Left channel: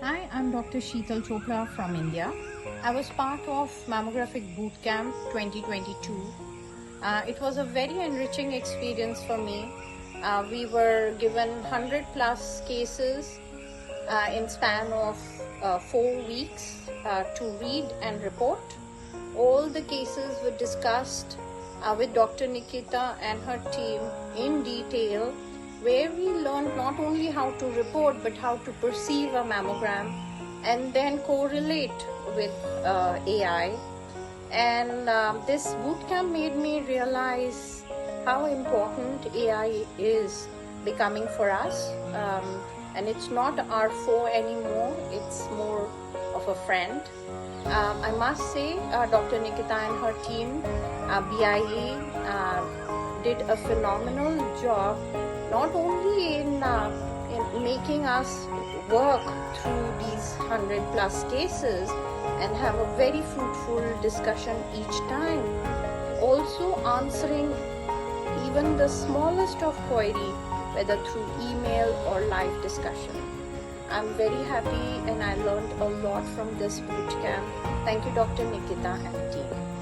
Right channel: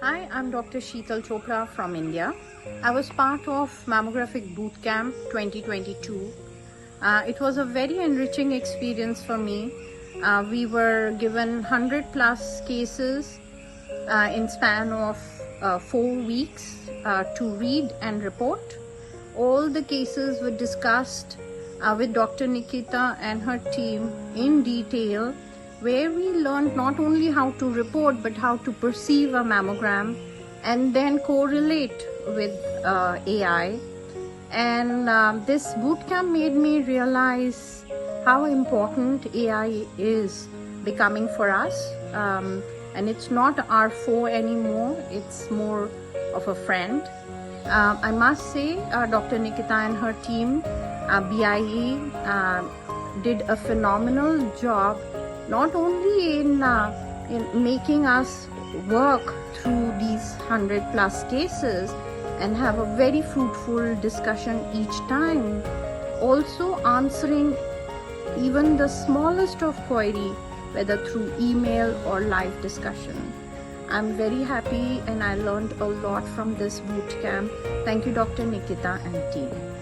Hi, I'm Dr. Sheetal Chopra from India. I was part of Mammography Bootcamp 2022. It was a very enriching experience for me. We were given 100 plus cases in span of 4 weeks to read and report. All the cases were discussed with Dr. Nikita and her team in detail, where we learned not only how to report but how to perceive a mammogram and then correlate with AI. And this bootcamp made me realize how important AI is becoming for us. And it's not our foe anymore, it's more of a friend. I must say Dr. Nikita and her team, BIE, did a phenomenal job, not only in making us work through these 100 plus cases and have a very fruitful discussion each time, also answering even the smallest of query, whether through email or live discussion. I'm very happy and I learned a lot from this bootcamp. Thank you, Dr. Nikita and team.